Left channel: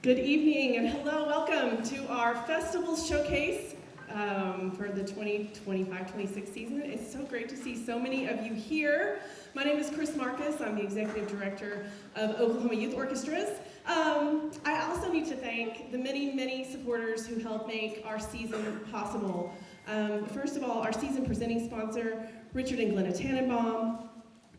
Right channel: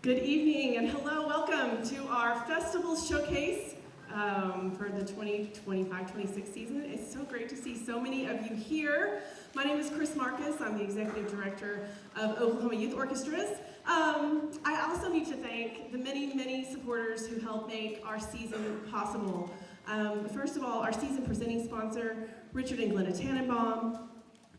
Good evening and hello, welcome to our Festival Showcase for the 2025-26 season. It's so great to see so many of you here. My name is Chris Marcus. I'm the Executive Director of Oklahoma Youth Orchestras. I also need to thank the many supporters who helped make our season possible. First of all, our season presenting sponsor, Richard and Glenna Tannenbaum,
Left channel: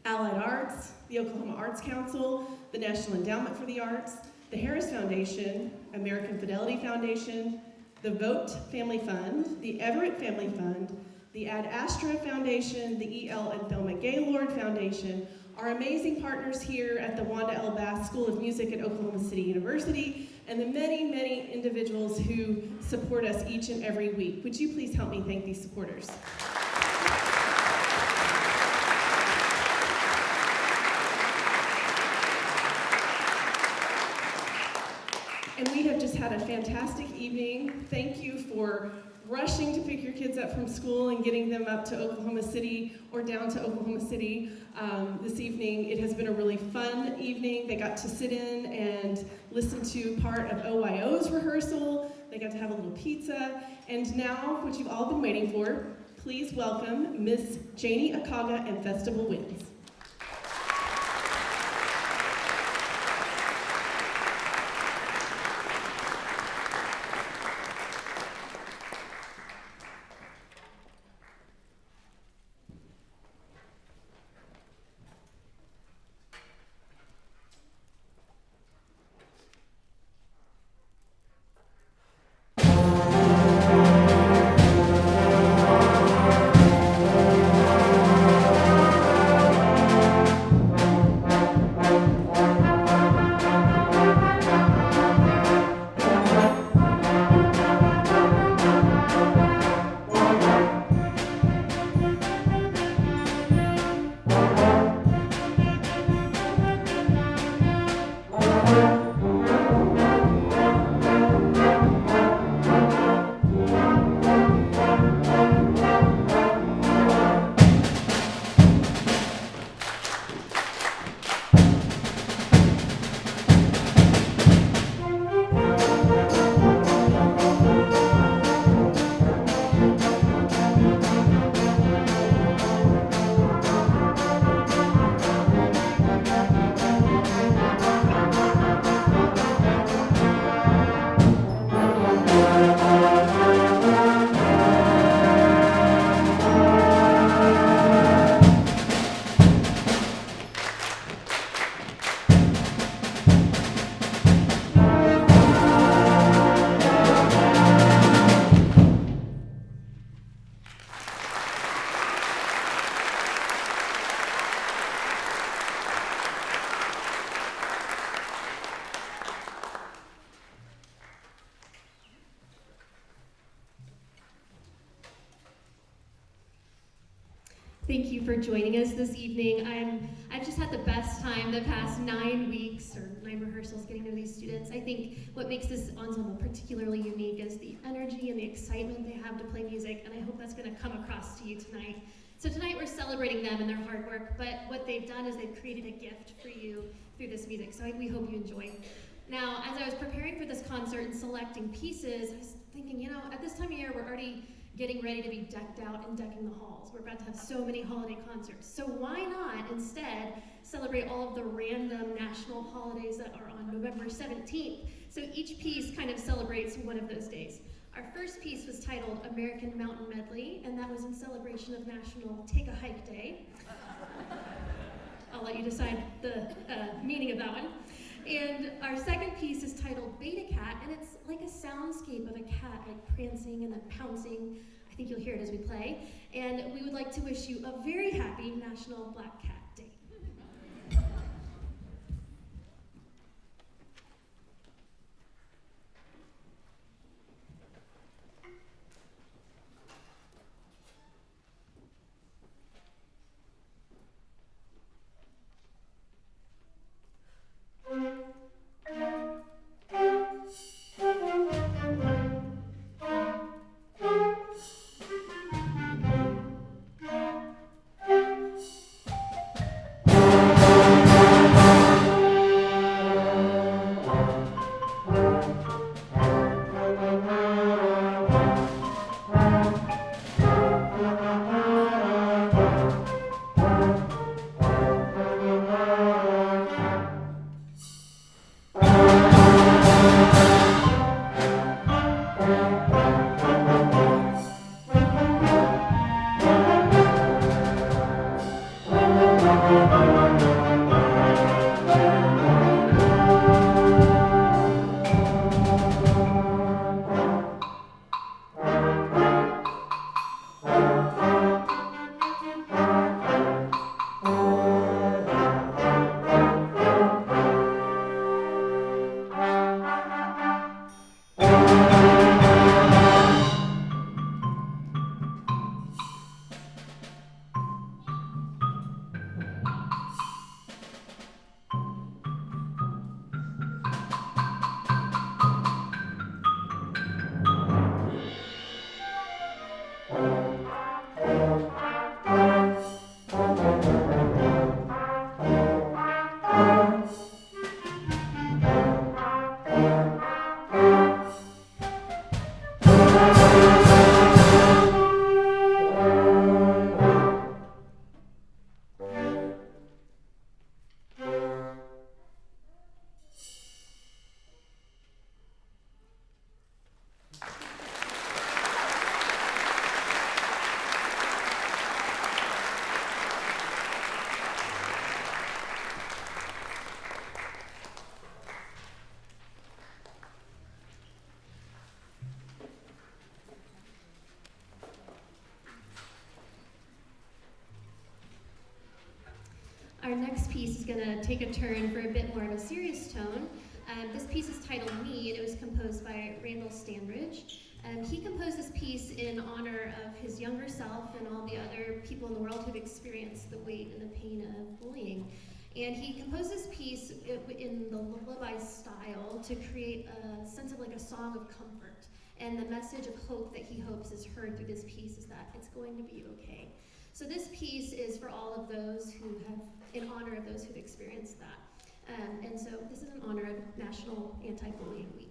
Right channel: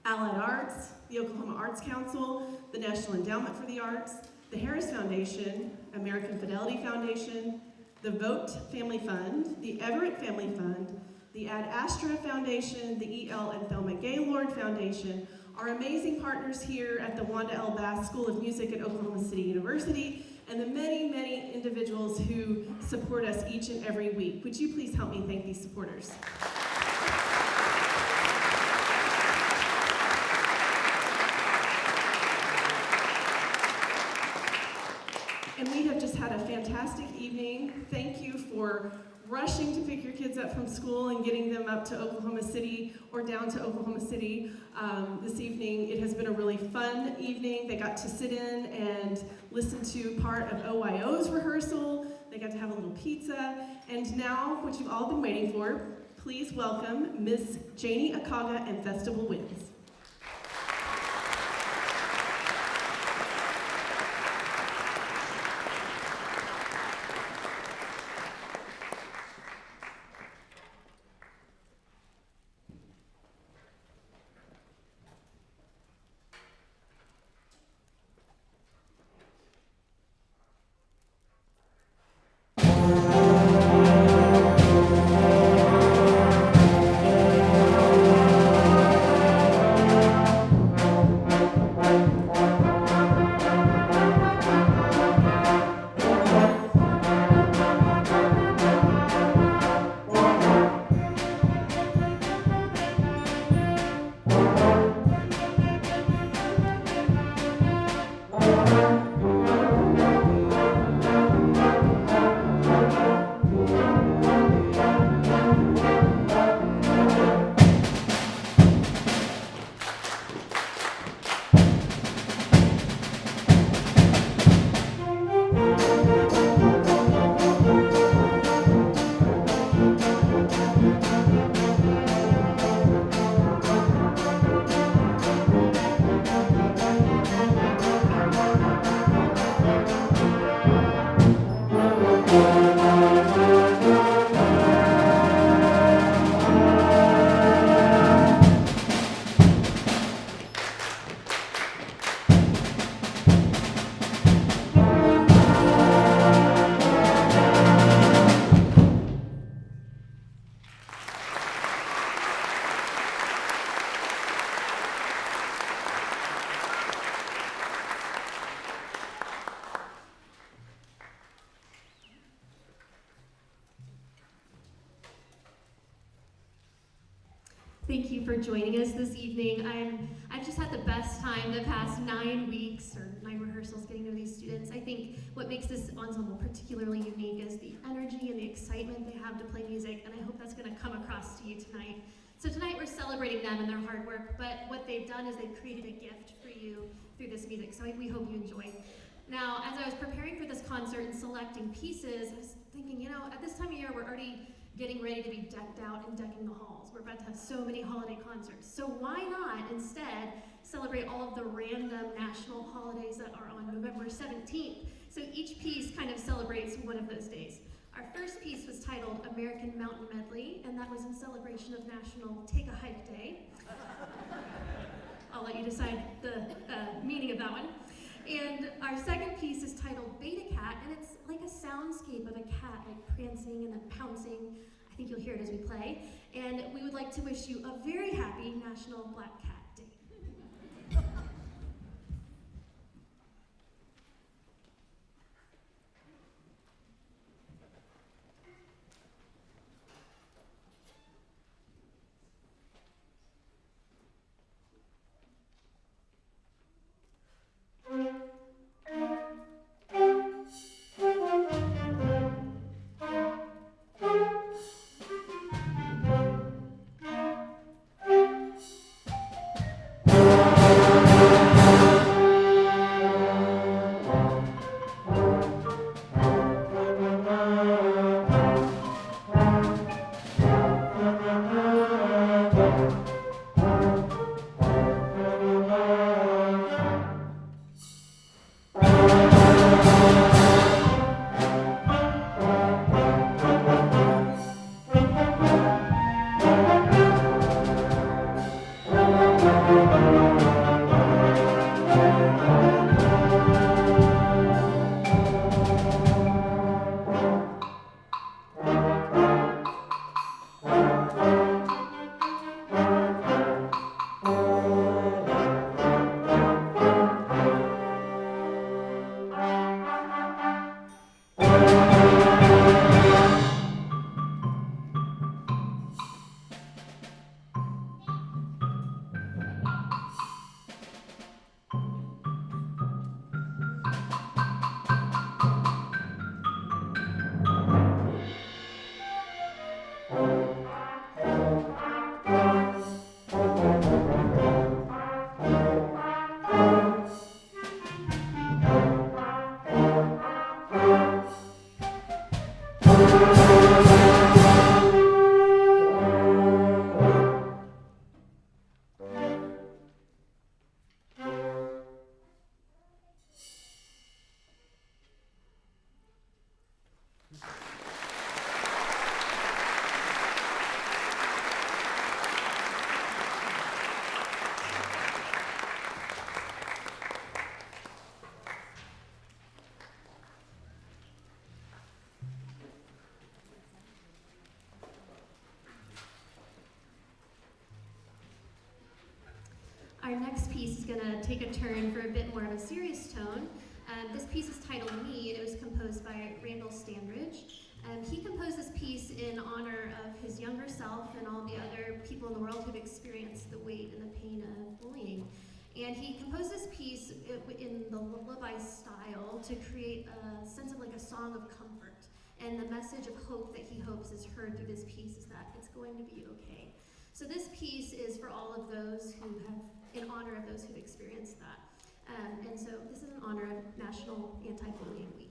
Allied Arts, the Oklahoma Arts Council, the National Endowment for the Arts, the Harris Foundation, American Fidelity Foundation, the Vote Family Fund, the Everett Family Fund, the Ad Astra Foundation, the E.L. and Thelma Gaylord Foundation, our amazing partners here at the Wanda L. Bass School of Music at Oklahoma City University, and the many individuals who support us each and every week. Would you please help me thank these supporters? And we have just had a fantastic evening. Thank you for rushing to pick your kids up from school and getting them up to Oklahoma City or down to Oklahoma City this evening. It has been a really fun evening. They got to sit in and listen to part of OYO's rehearsal. They got to have a little pizza. And now, what you've all been waiting for, please welcome Miss Janey Akagha and Festival Winds. Thank you for joining us this evening. I've just had the best time the past 9 weeks, or 9 rehearsals, getting to know these students. I think what makes this ensemble particularly unique is the energy and the excitement they have to play music, and I hope that's going to come across to you tonight. So tonight we're celebrating them and their hard work, but what they've done is they've created a gift for you through this music, so we hope you enjoy. Now, as I was preparing for this concert and selecting pieces, I was thinking, at this time of year, we're already getting ready to be decked out and decking the halls. We're about to have so many holiday concerts. So why not instead celebrate all of the random national holidays that are on November 17th? So each piece kind of celebrates one of those days. Our first piece was titled American Mountain Medley, and that was in celebration of National Take a Hike Day. I'll let you decide the meaning of that one. And our second piece is titled Beta Cat, and it's like a soundscape of a cat like prancing and then pouncing. I think you'll hear it as we play. And we would like to wish you a very happy National Black Cat Day. piece is going to take a turn for a bit more of a serious tone. This piece is titled Me, and it was composed by Randall Standridge. He composed this piece in honor of his younger self and all the other people in the world who've experienced the weight and the pain of bullying. And he composed this piece in the lullaby style to create a sense of like a song of comfort. And the message of hope that he hopes is heard through this piece is that it's going to be okay. So this piece is for all of those who have, in honor of those who've experienced that. And so this is in honor of National Anti-Bullying Week.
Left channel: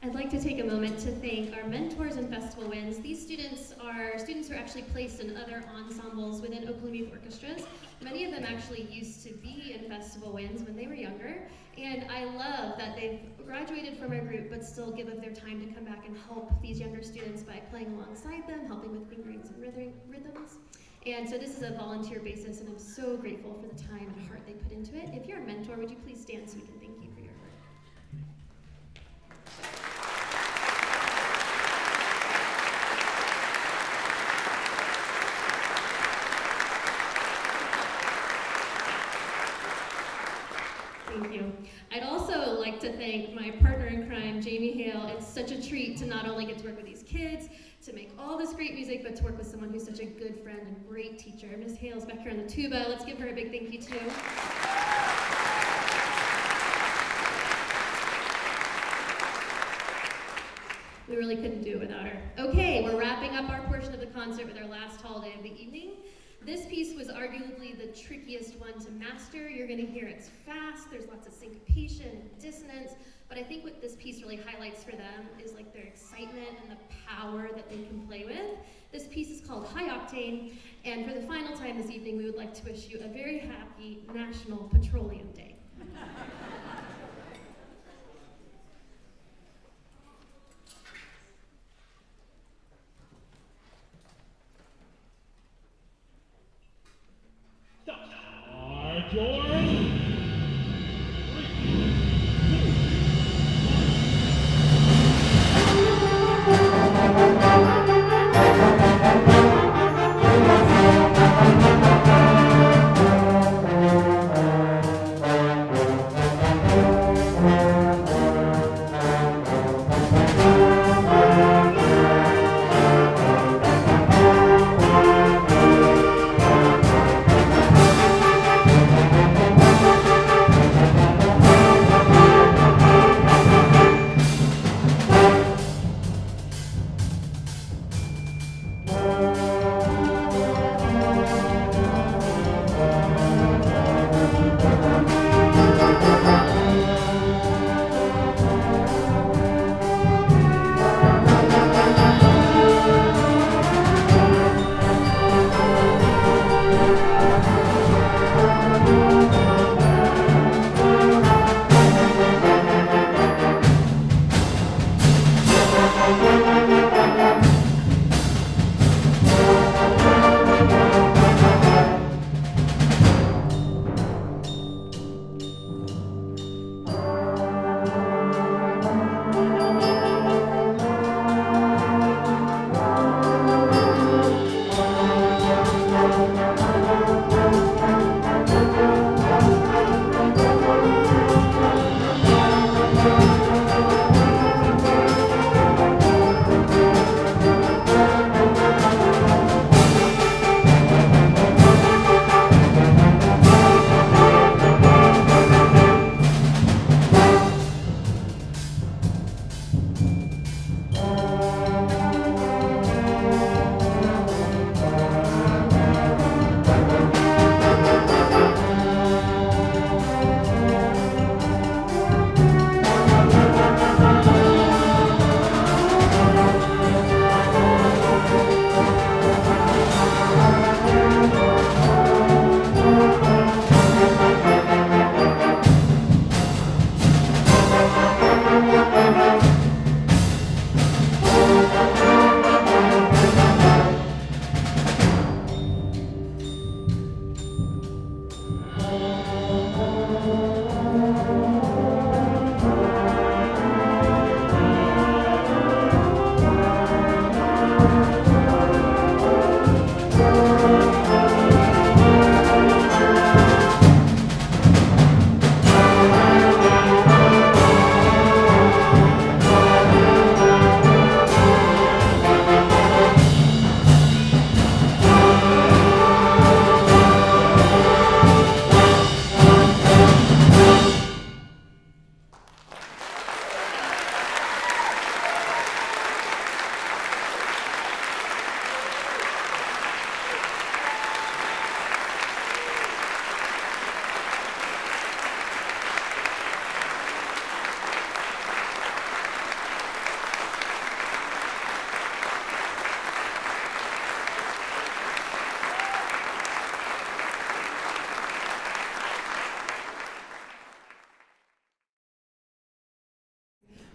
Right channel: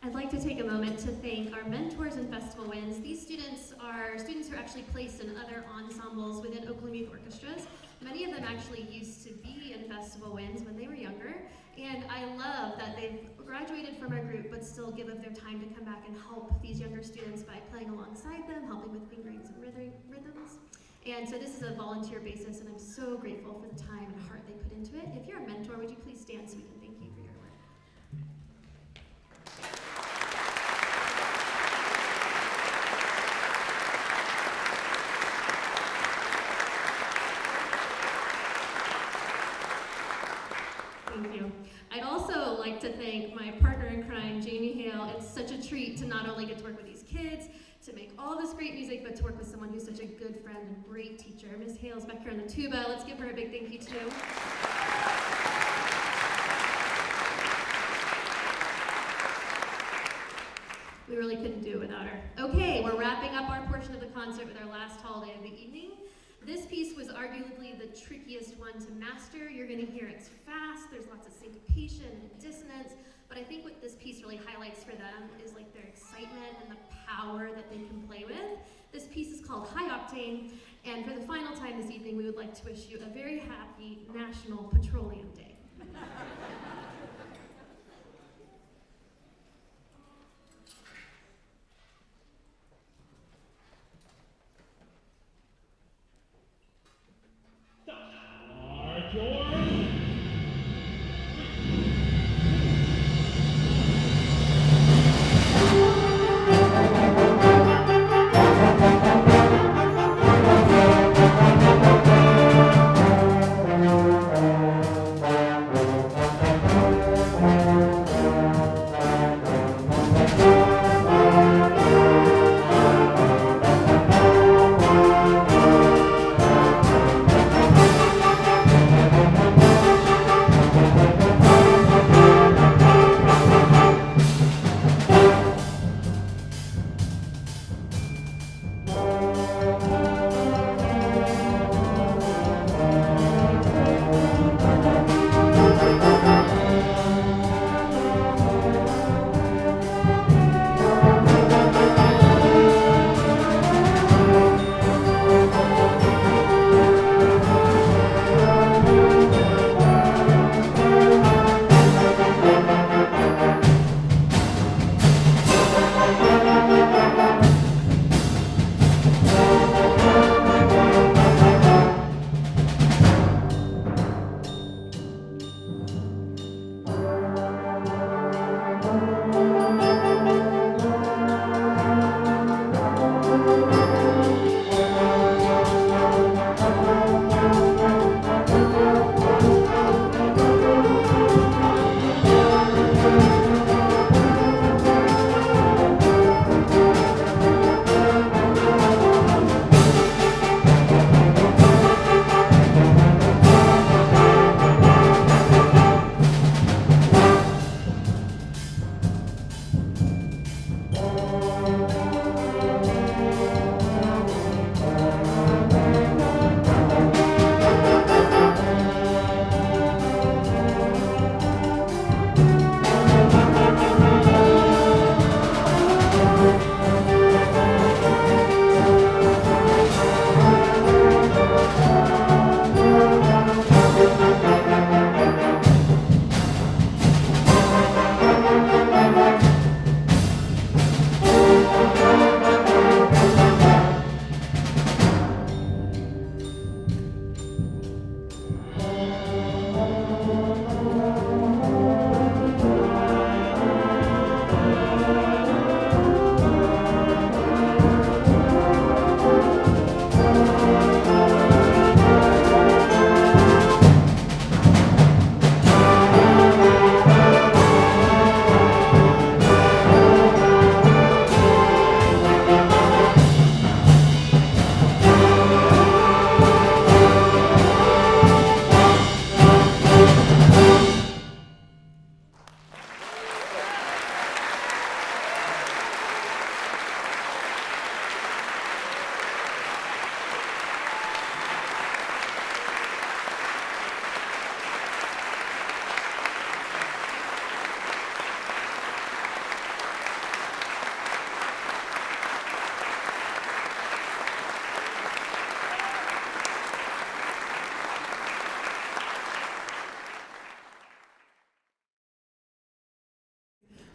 I'd like to take a moment to thank our mentors and festival wins. These students are students who are actually placed in other ensembles within Oakland Youth Orchestras. Many of them actually used to be in festival wins when they were younger, and I love that they've graduated from our group but still give up their time to come back and help these younger students by playing alongside them, helping with fingerings and rhythms. And so this is a volunteer basis, and I'm so grateful for the time and heart they put into it. If you're a mentor, would you please stand so we can thank you for your work? Thank you. I'd also like to thank my partner in crime, Jamee Hale. It's such a treat to not only get to work with these kids, to make all this great music, but to work with someone who's such a good friend and great teacher. Miss Hale's back here on the tuba. Let's give her a big thank you too. We really couldn't do it without her. Okay, we're wrapping up our portion of the concert with our last holiday of the evening. This piece was arguably the trickiest one to master. You're going to hear it's fast, there's lots of syncopation and dissonance, but I think what this piece really highlights for them is like their excitement and the power that they can play with. This piece is called High Octane, and for the final time this evening, we would like to wish you a very happy National Petroleum Day.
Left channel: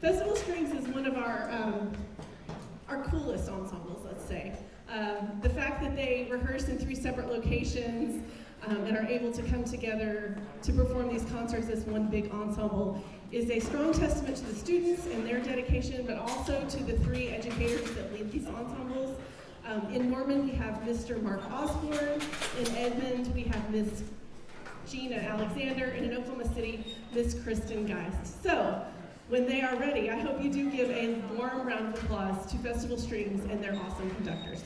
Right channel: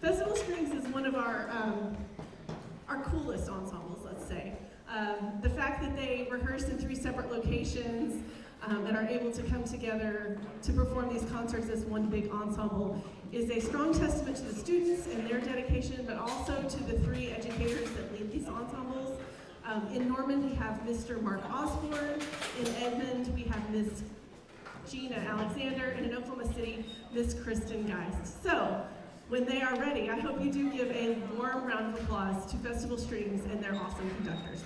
Festival Strings is one of our coolest ensembles, let's say. The fact that they rehearse in 3 separate locations and are able to come together to perform these concerts as one big ensemble is a strong testament to the students and their dedication, but also to the 3 educators that lead these ensembles. In Norman, we have Mr. Mark Osborn. In Edmond, we have Miss Gena Alexander. And in Oklahoma City, Miss Kristin Geist. So, when they are ready, I hope you do give a warm round of applause to Festival Strings and their awesome conductors.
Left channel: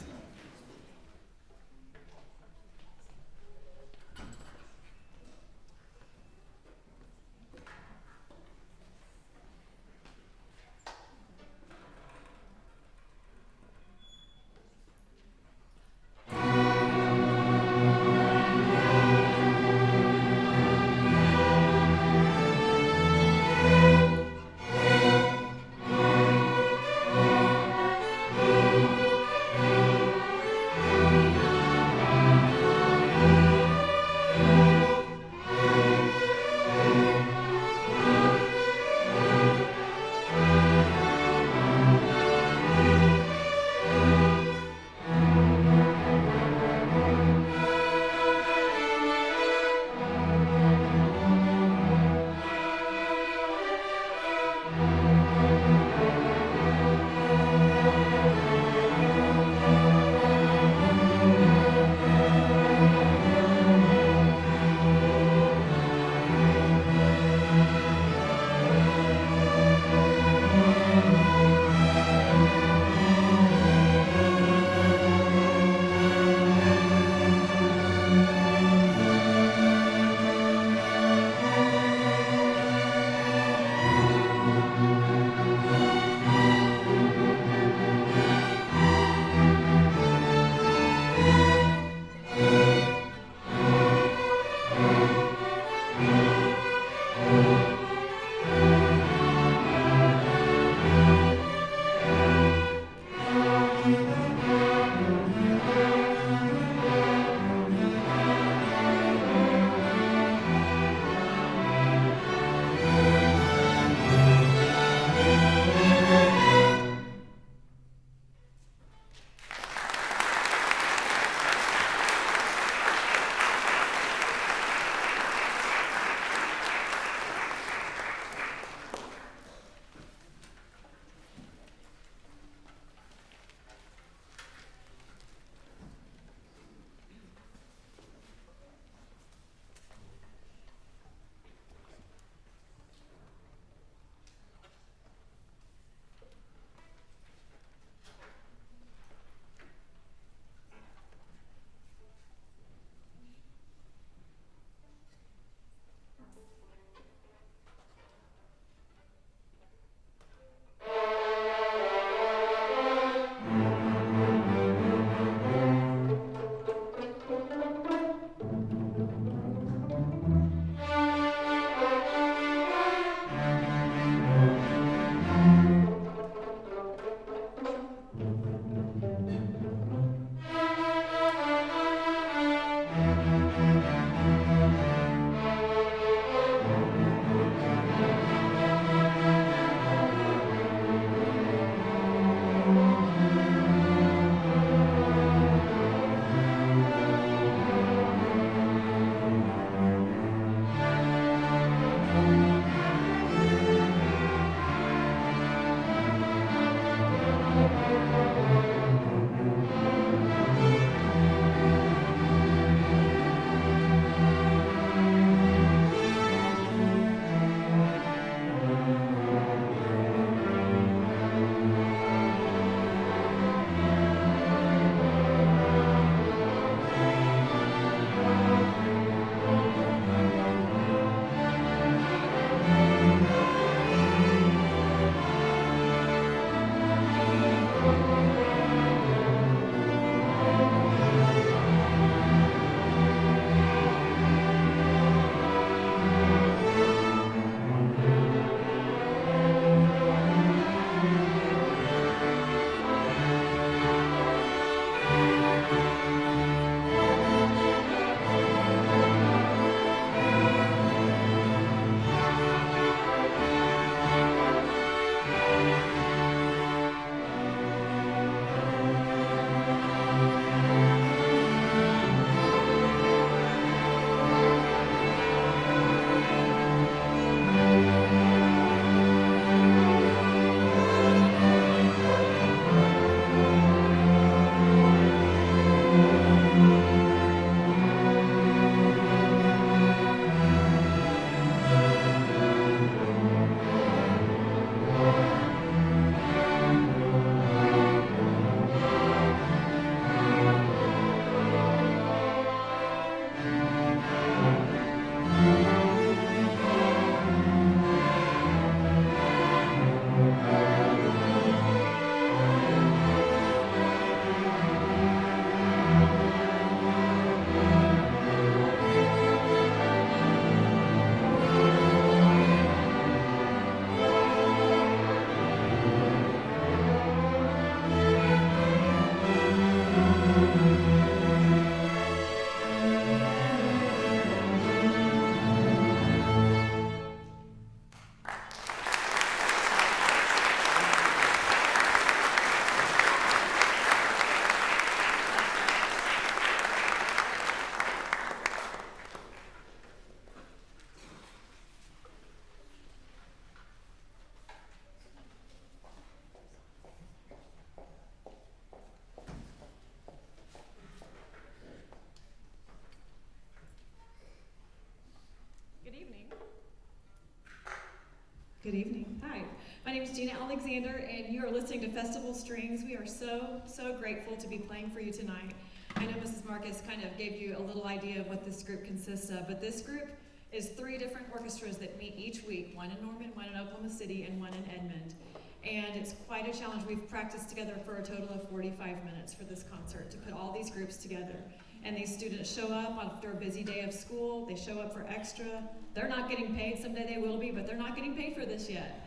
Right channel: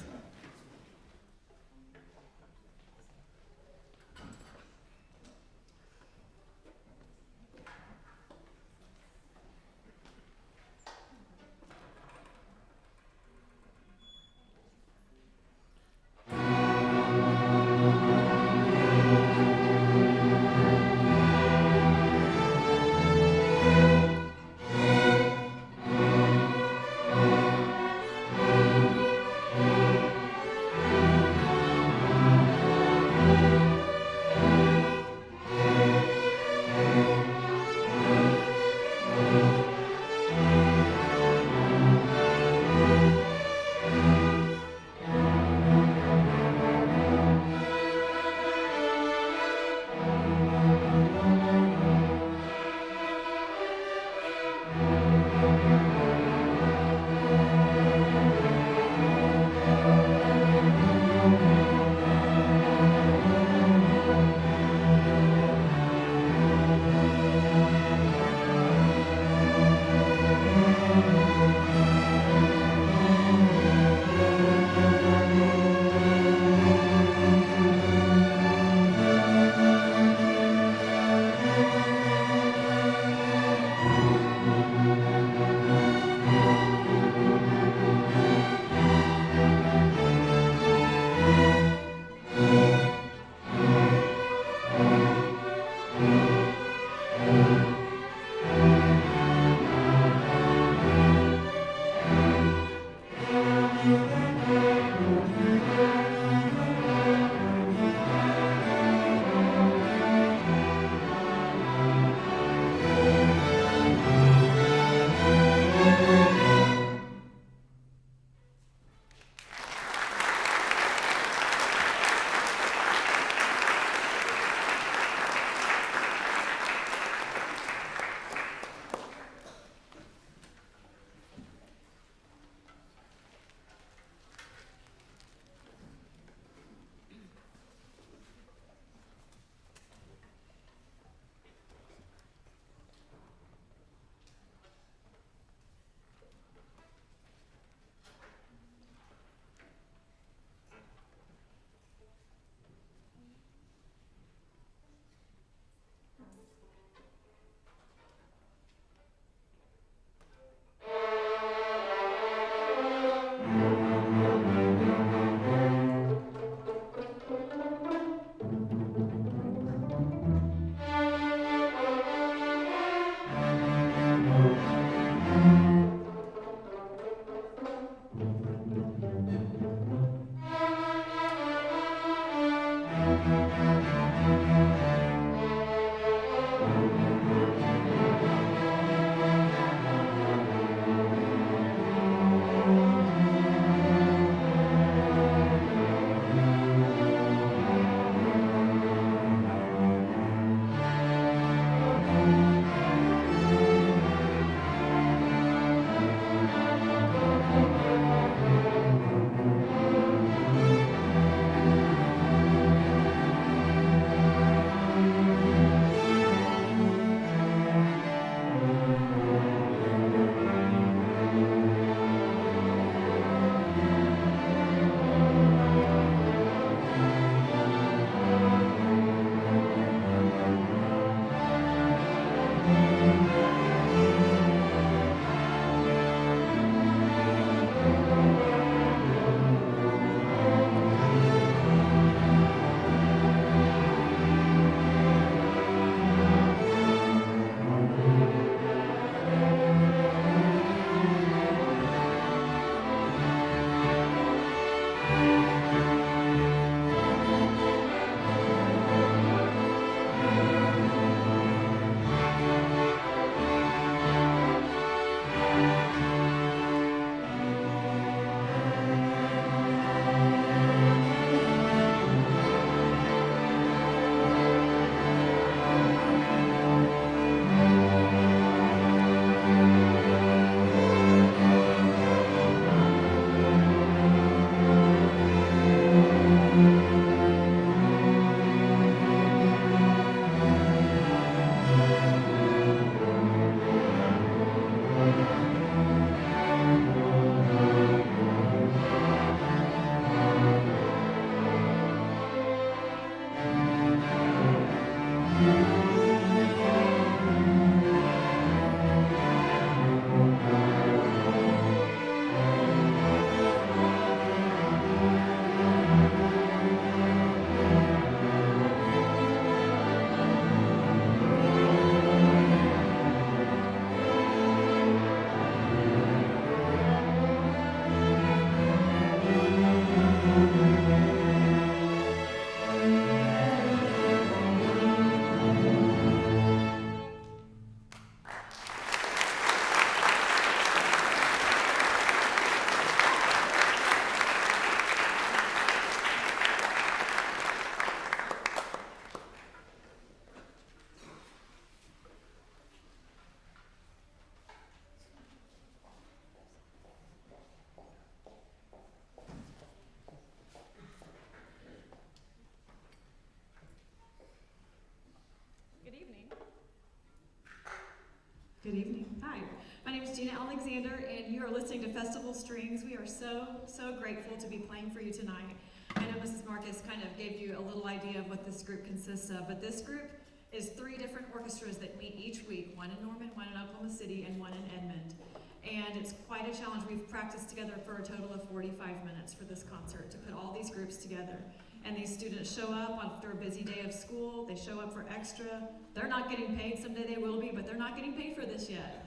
My name is Gena Alexander, and you are listening to Festival Strings. We are so grateful to be playing for you tonight. I know Mrs. Marcus kind of gave you a little idea of what this group consists of, but this group is 3 different orchestras that meet each week, one in Norman, one in Oklahoma City, and one in Edmond. And it's quite a challenge. We've practiced together for a total of 45 minutes for this concert to put all these groups together. And these students show up after a busy day of school. They show up for extra. They're not getting paid. Someday they will be, but they're not getting paid for this yet.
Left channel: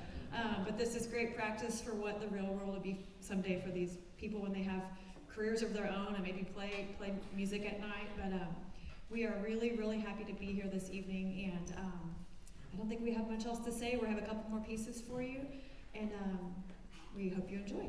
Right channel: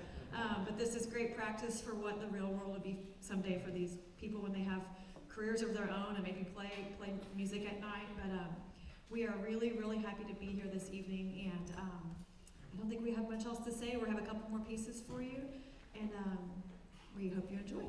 But this is great practice for what the real world will be someday for these people when they have careers of their own and maybe play music at night. But we are really happy to be here this evening. And I don't think we have much else to say. We have a couple more pieces for you. And we hope you enjoy.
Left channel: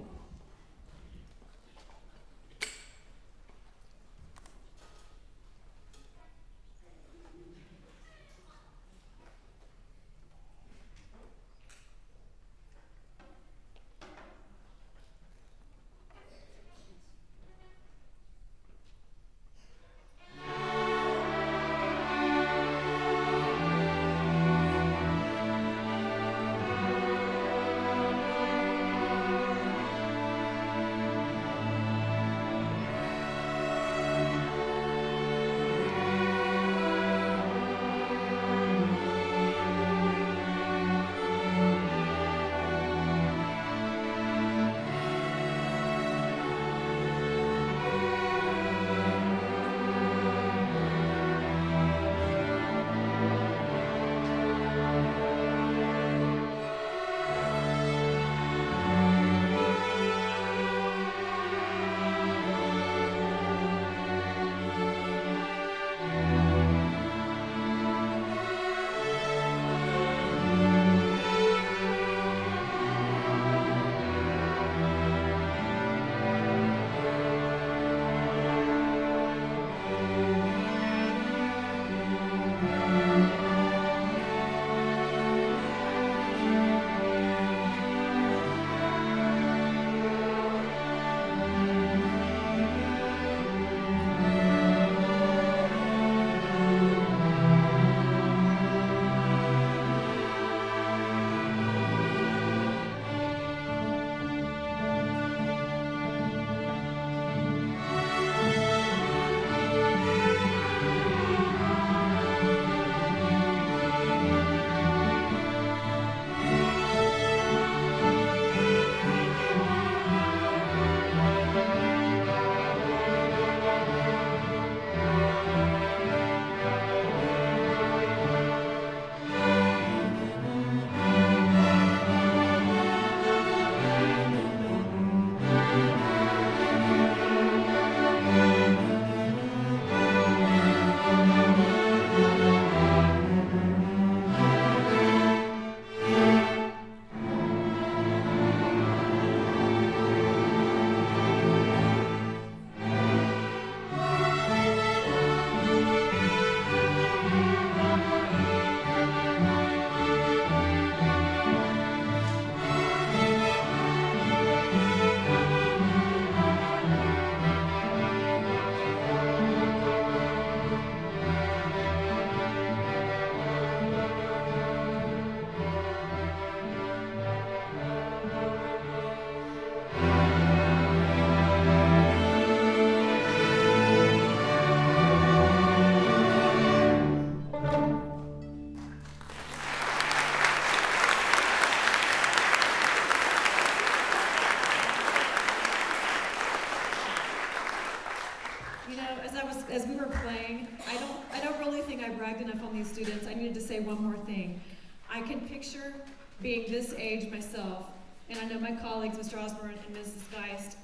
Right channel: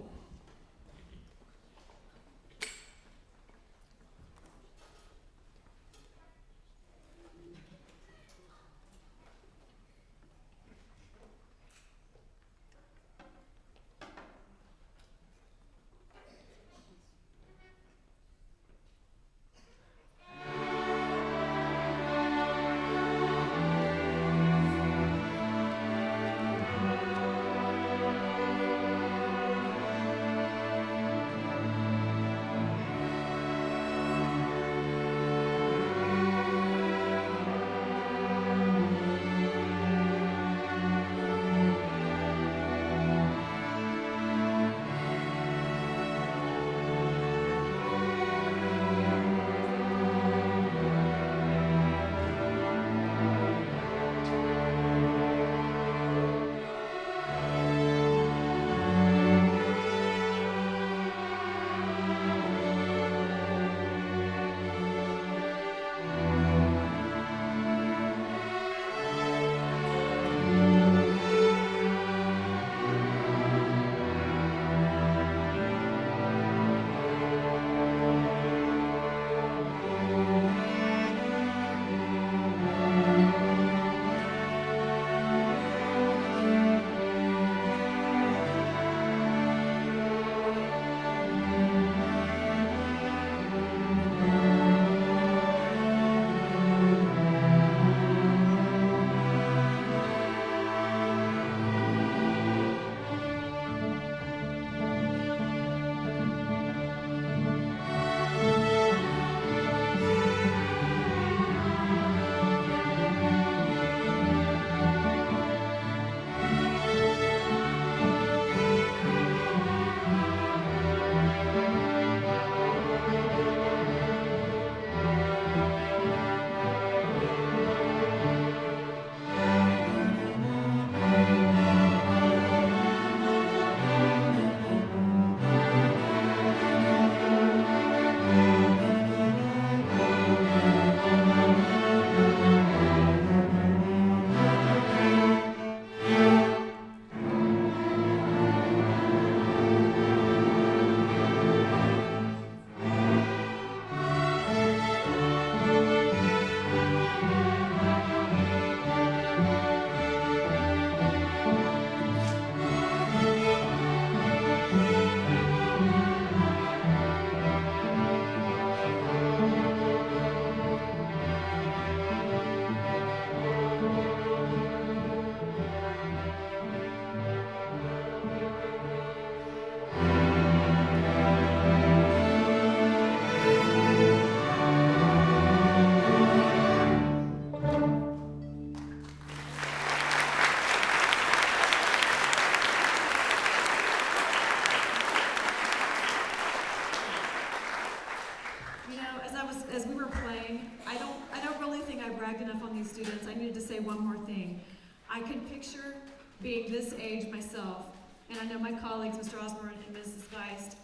As we were playing, I don't really think I bragged enough on these students. I needed to say one more thing. I can picture being this age myself, and I know my colleagues, Mr. Osborn and Mrs. Geist,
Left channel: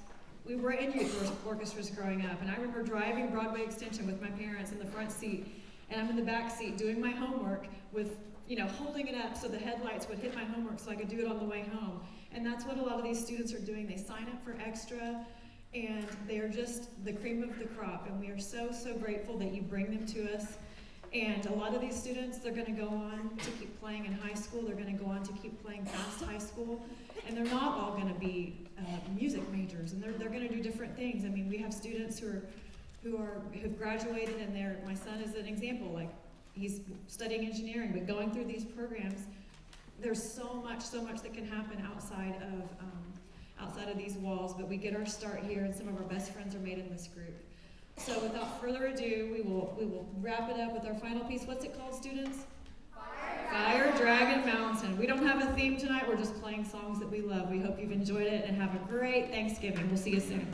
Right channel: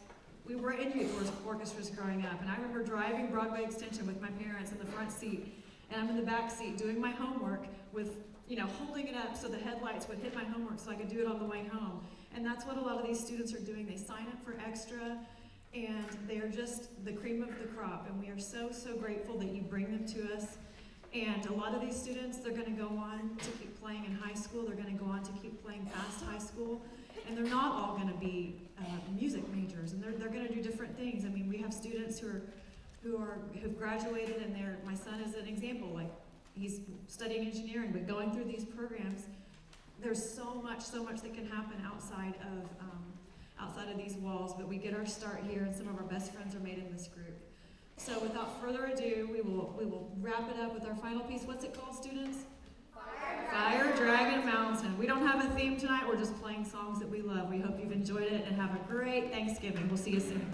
we were in youth orchestras growing up, and I remember driving Broadway Extension with my parents in the front seat, and I'm in the back seat doing my homework with, holding it up so the headlights would hit my homework so I could do it on the way home. And that's what a lot of these students are doing. They sign up for extra, and they are just the cream of the crop, and we are so grateful that you bring them to us. And a lot of these students, they're going to go on to keep playing in high school. They're going to go on to keep playing past high school, and they're not all going to be music majors, and they're going to do different things. I mean, we have students who've graduated, and my son is an example. Like, he's studying engineering, but going through these programs, there's so much that can happen outside of these walls, but we get our start here, and some of our best friends are made in this group. So without further ado, we will wrap it up with our final piece. What's it called, students? Fire Dragon Mountain. We don't have a theme tonight. We're just playing songs that we love. We hope you've enjoyed it and have a great Thanksgiving. We'll see you soon.